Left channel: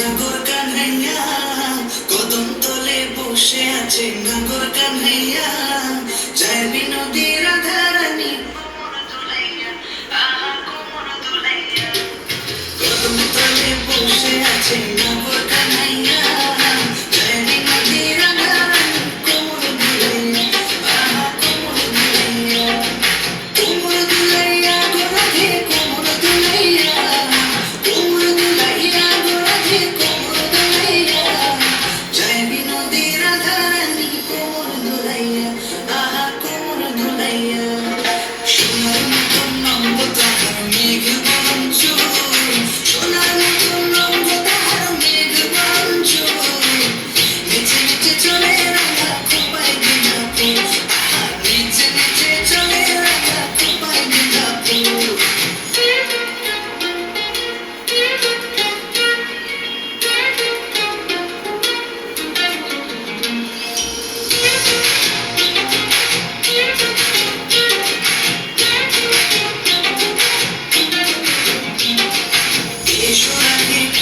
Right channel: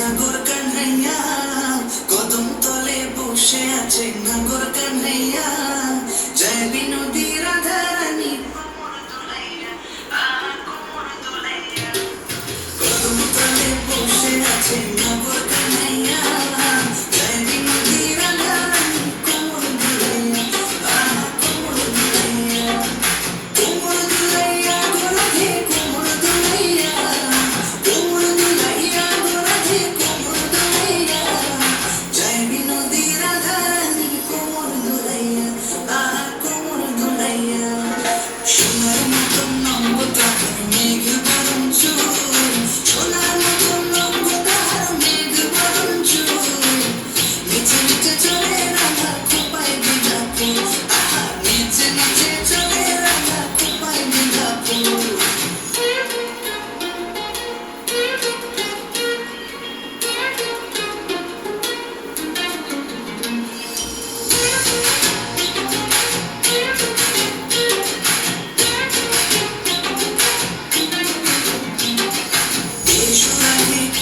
নাগর কানহাইয়া কদম তলে বসে আছে নাগর কানহাইয়া জয় বিনোদী রাধারানী কদম তলে বসে আছে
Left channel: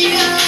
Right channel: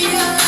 Yeah.